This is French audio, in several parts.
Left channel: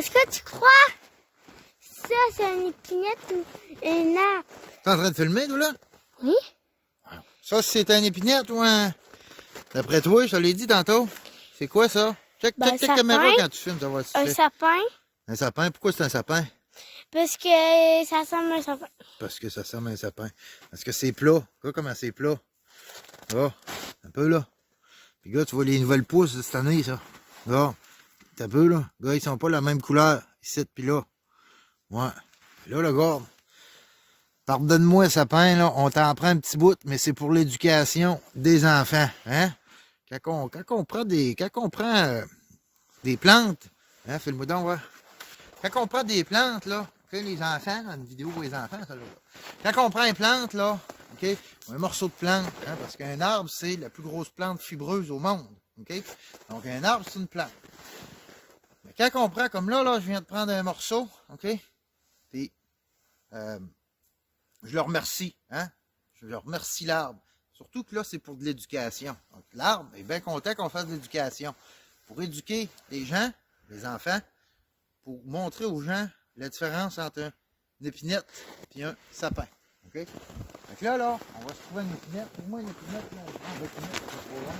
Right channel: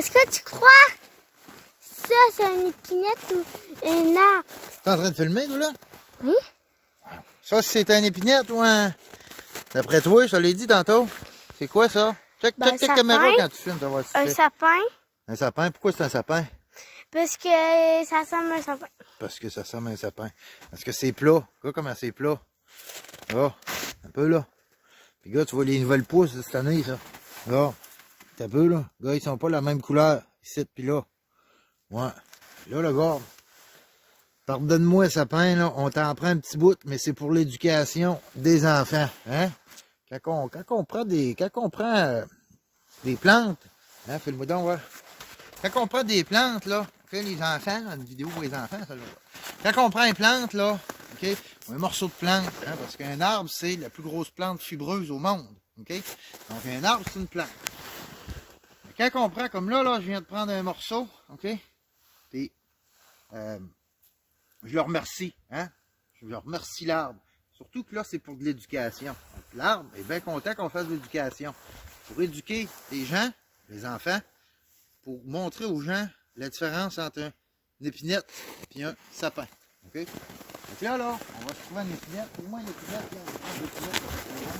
Est-ce que tu crois ça, c'est une épinette ou un arbre? T'es en train de filmer, toi, là? Oui. Ça, c'est un épinette ou un... D'après toi, je te l'ai dit tantôt. C'est quoi, ça? Check Ben, ta sapin. caméra quand tu filmes, tu vas voir ce que Un tu fais. sapin, Un sapin? Pourquoi c'est un sapin? parce que ça ressemble à un sapin. Parce que ça ressemble à un sapin. Parce que c'est plat. Regarde comment c'est plat. Là, un peu, là. Puis, gars, tu vois les nouvelles pousses de cette année, ça. Là, t'as peu, là. Gars, ils sont pas la même couleur. Ici, puis là. Ouais. Puis là, le gars, pardonne-moi, sapin, là. On t'en prend un petit bout, mais c'est pour l'éducation des enfants. Hein? Quand on prend des plantes, hein, fais-le-moi donc, ouais. Quand on prend des plantes, là, OK, les enfants, une vidéo pour les enfants, ça, là. Quand on prend une plante, là, OK, un morceau de plante, hein, parce qu'un arbre, c'est la plus grosse plante fibreuse au monde, OK? Donc, un arbre, c'est une plante. Mais quand on prend, comme là, je viens de prendre un morceau, OK? Puis, je le remercie, hein? Je le remercie l'arbre. Surtout que là, c'est pour de l'éducation. L'arbre est bien content qu'on fasse de l'éducation. Pour éduquer les gens, les enfants, pour montrer aux gens la différence entre une épinette et un sapin. OK? Donc là, on va se trouver une épinette. Pour moi, une épinette, là, une grande épinette, c'est trop loin.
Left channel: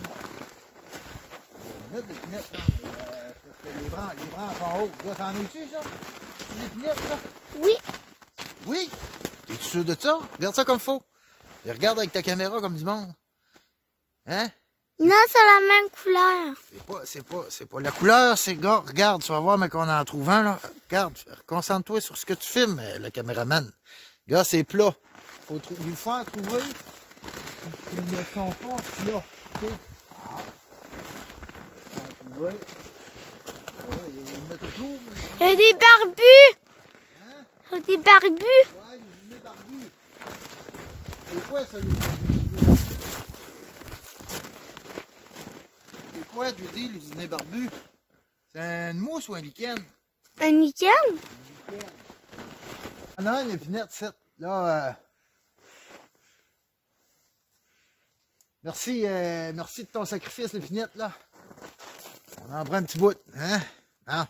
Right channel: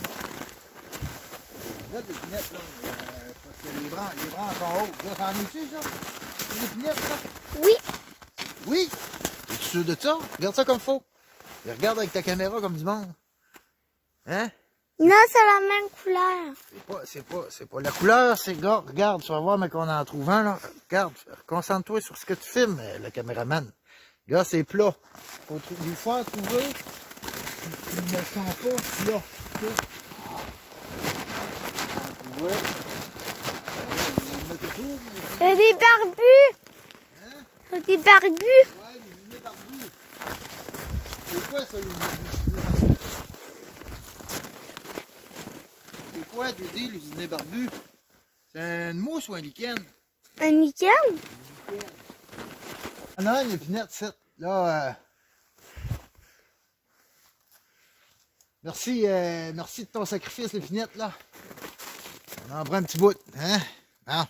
Une autre épinette, là, parce que les branches sont hautes. Là, t'en es-tu, ça? Une épinette, ça? Oui. Oui? Es-tu sûr de ça? Regarde ça comme faut. Et regarde avec ta caméra comme du monde. Hein? Non, c'est la même couleur. C'est pas la couleur, c'est gars. Regarde, tu vas voir, mais qu'on en trouve un, là. Regarde, concentre-toi sur ce que tu filmes, le caméraman. Regarde, c'est plat. Faut lui faire trouver. Ils ne sont pas plats. OK? Ouais. Il y a des barbus. Hein? Il y a des barbus. Ouais, les inés barbus. C'est quoi ça, les inés barbus? C'est quoi, tu dis, les inés barbus? C'est une mousse ou un lichen? Un lichen? Ah non, une épinette, c'est là. Merci de ton sacrifice, l'épinette, là. On en prend un petit bout, hein? Ah.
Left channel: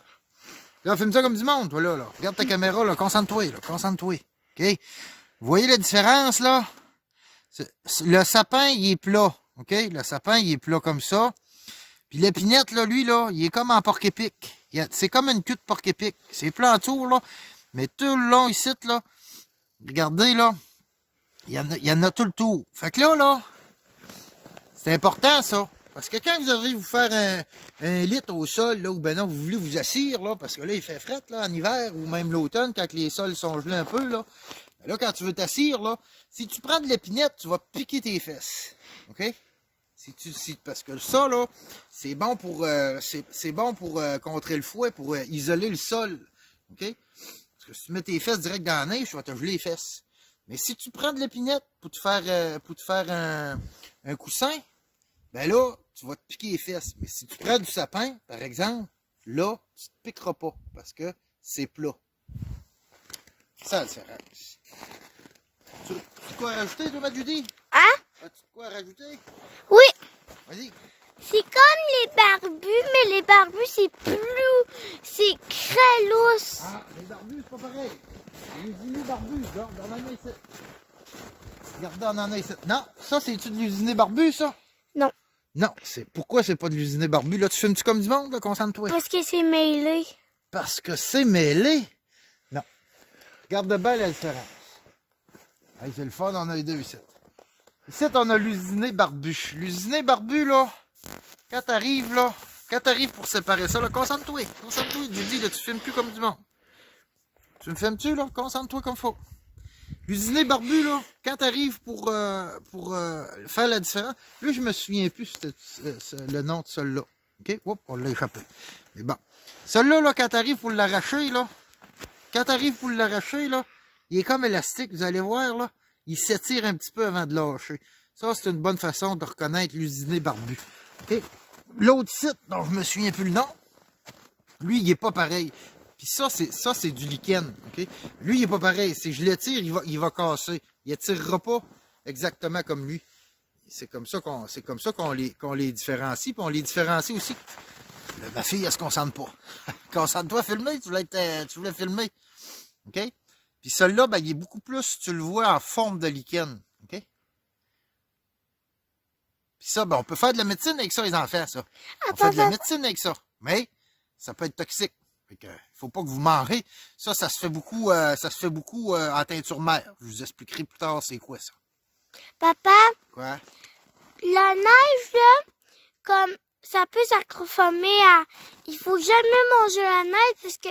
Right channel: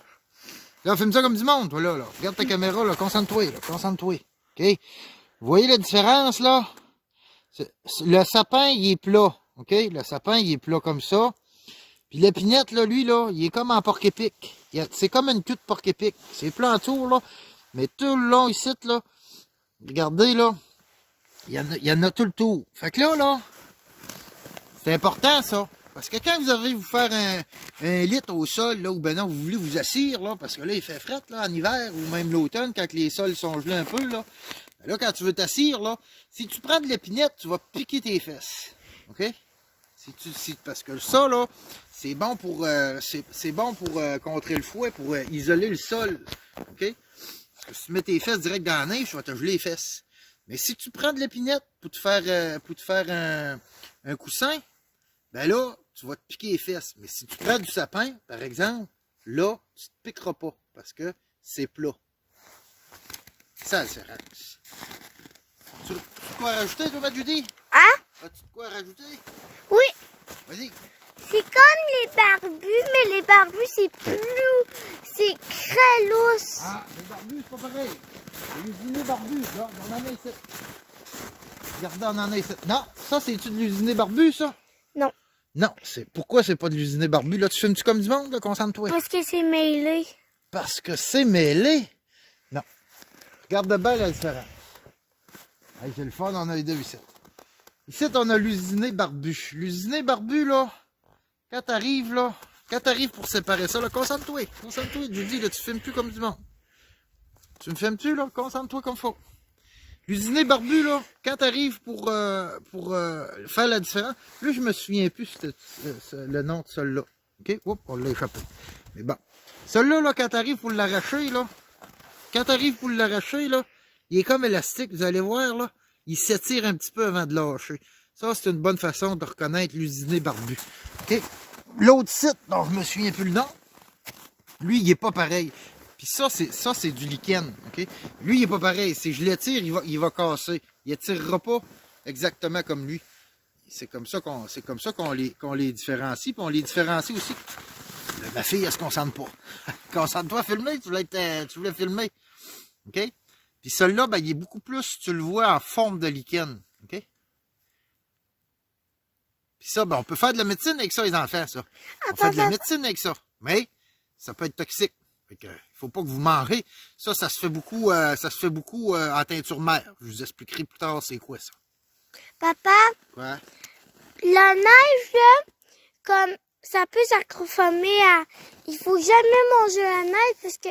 Là, filme ça comme du monde, toi, là. Regarde ta caméra, là. Concentre-toi, là. Concentre-toi. OK? Vous voyez la différence, là? Le sapin, il est plat. OK? Le sapin, il est plat comme ça. Puis l'épinette, là, lui, là, il est comme en porc-épic. C'est comme une queue de porc-épic. C'est plat en tour, là. Mais tout le long, ici, là, regardez, là, il y en a tout le tour. Fait que là, c'est important, ça. Parce que quand vous allez vous faire un lit au sol, là, ou ben non, vous voulez vous assire, là, parce que là, il fait fret, là, en hiver, ou même l'automne, quand les sols sont gelés un peu, là. Là, quand tu veux t'assire, là, si tu prends de l'épinette, tu vas piquer tes fesses. OK? Parce que ça, là, c'est bon pour, contrer le fouet, pour isoler le sol. OK? Parce que si tu mets tes fesses direct dans la neige, tu vas te geler les fesses. Mais si tu prends de l'épinette pour te faire un coussin, ben là, tu vas te piquer les fesses. Mais si tu prends du sapin, par exemple, là, tu te piqueras pas parce que c'est plat. C'est ça la différence. Tu as quoi à rajouter, toi, Judy? Hein? As-tu de quoi à rajouter? Oui. Vas-y. C'est comme les barbus, mais les barbus, c'est plus... C'est très lousse. Ah, les barbus, c'est pas pareil. Les usinés barbus, là, on en a ici. Regardez, on en a ici. Non, ça, c'est-tu de l'usiné barbu, ça? Non. Non, pourquoi c'est pas de l'usiné barbu? Là, tu filmes-tu comme du monde, là, concentre-toi? Parce que c'est mêlé. Parce que c'est mêlé? Non. Regarde bien la différence. Hey, c'est le fun, on a les deux ici. Ici, on a l'usiné barbu. L'usiné barbu, là, quand t'arrives pour séparer ça, là, concentre-toi. Concentre-toi, Judy, là, tu filmes plus comme du monde. Tu me filmes-tu, là? Concentre-toi comme faut. L'usiné barbu, là, quand t'arrives pour faire la différence, là, je me souviens plus le nom de celui-là. OK? Oups, on l'a échappé. Mais bon. Celui-là, là, quand t'arrives pour l'arracher, là, il est comme élastique, vous allez voir, là, il s'étire un petit peu avant de lâcher. Ça, c'est une bonne façon de reconnaître l'usiné barbu. OK? L'autre site, dont je me souviens plus le nom, lui, il est pas pareil. Puis ça, c'est du lichen. OK? Lui, il est pas pareil. Si je l'étire, il va casser. Il étirera pas exactement comme lui. C'est comme ça qu'on les différencie. Puis on les différencie aussi Ma fille, elle se concentre pas. Concentre-toi à filmer, tu voulais filmer. OK? Puis celui-là, ben, il est beaucoup plus, tu le vois, en forme de lichen. OK? Puis ça, ben, on peut faire de la médecine avec ça, les enfants, ça. On fait de la médecine avec ça. Mais ça peut être toxique. Fait que, faut pas que vous mangez. Ça se fait beaucoup, en teinture mère. Je vous expliquerai plus tard c'est quoi ça. Papa, Ouais. la neige, là, comme ça peut s'accrocher à... Il faut jamais manger la neige parce que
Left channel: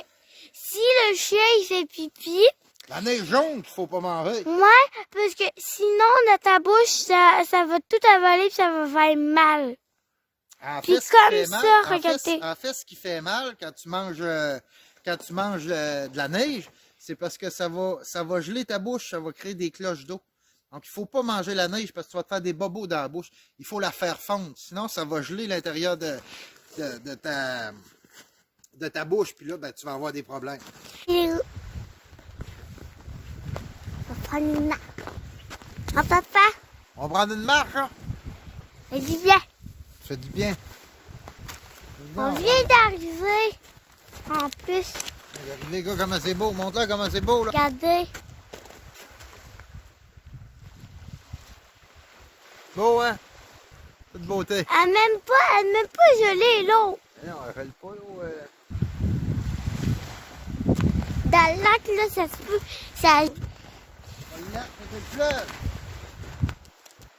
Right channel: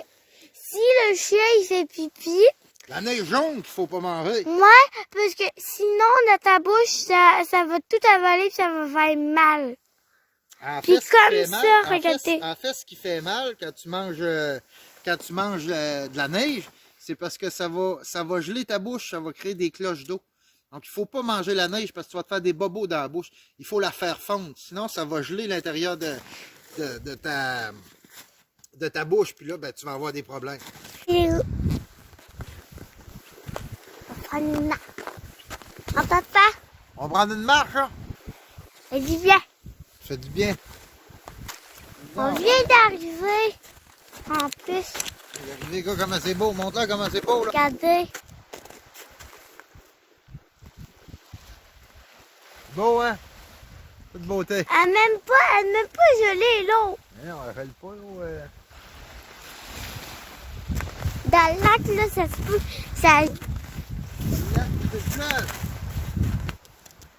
si le chien il fait pipi... La neige jaune qu'il faut pas manger. Ouais, parce que sinon, dans ta bouche, ça va tout avaler et ça va faire mal. Puis comme ça, regardez. En fait, ce qui fait mal quand tu manges, de la neige, c'est parce que ça va geler ta bouche, ça va créer des cloches d'eau. Donc, il ne faut pas manger la neige parce que tu vas te faire des bobos dans la bouche. Il faut la faire fondre. Sinon, ça va geler l'intérieur de ta bouche. Puis là, ben, tu vas avoir des problèmes. On va prendre une marche. Mon papa, On va prendre une marche, là. elle dit bien. Ça dit bien. On vient d'arriver. En plus, Regardez, les gars, comment c'est beau. Montre-leur comment c'est beau, là. regardez. Beau, hein? Toute beauté. Elle même pas gelée, l'eau. On rappelle pas, là. Dans le lac, là, ça se peut. Ça... C'est le fleuve.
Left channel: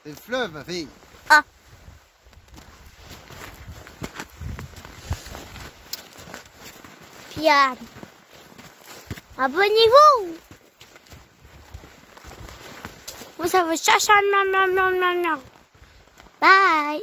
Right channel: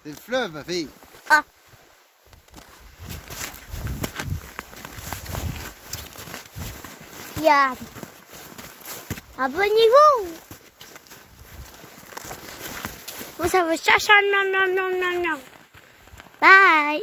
C'est le fleuve, ma fille. Ah. Regarde. Abonnez-vous. Moi, ça va chercher. Non. Bye.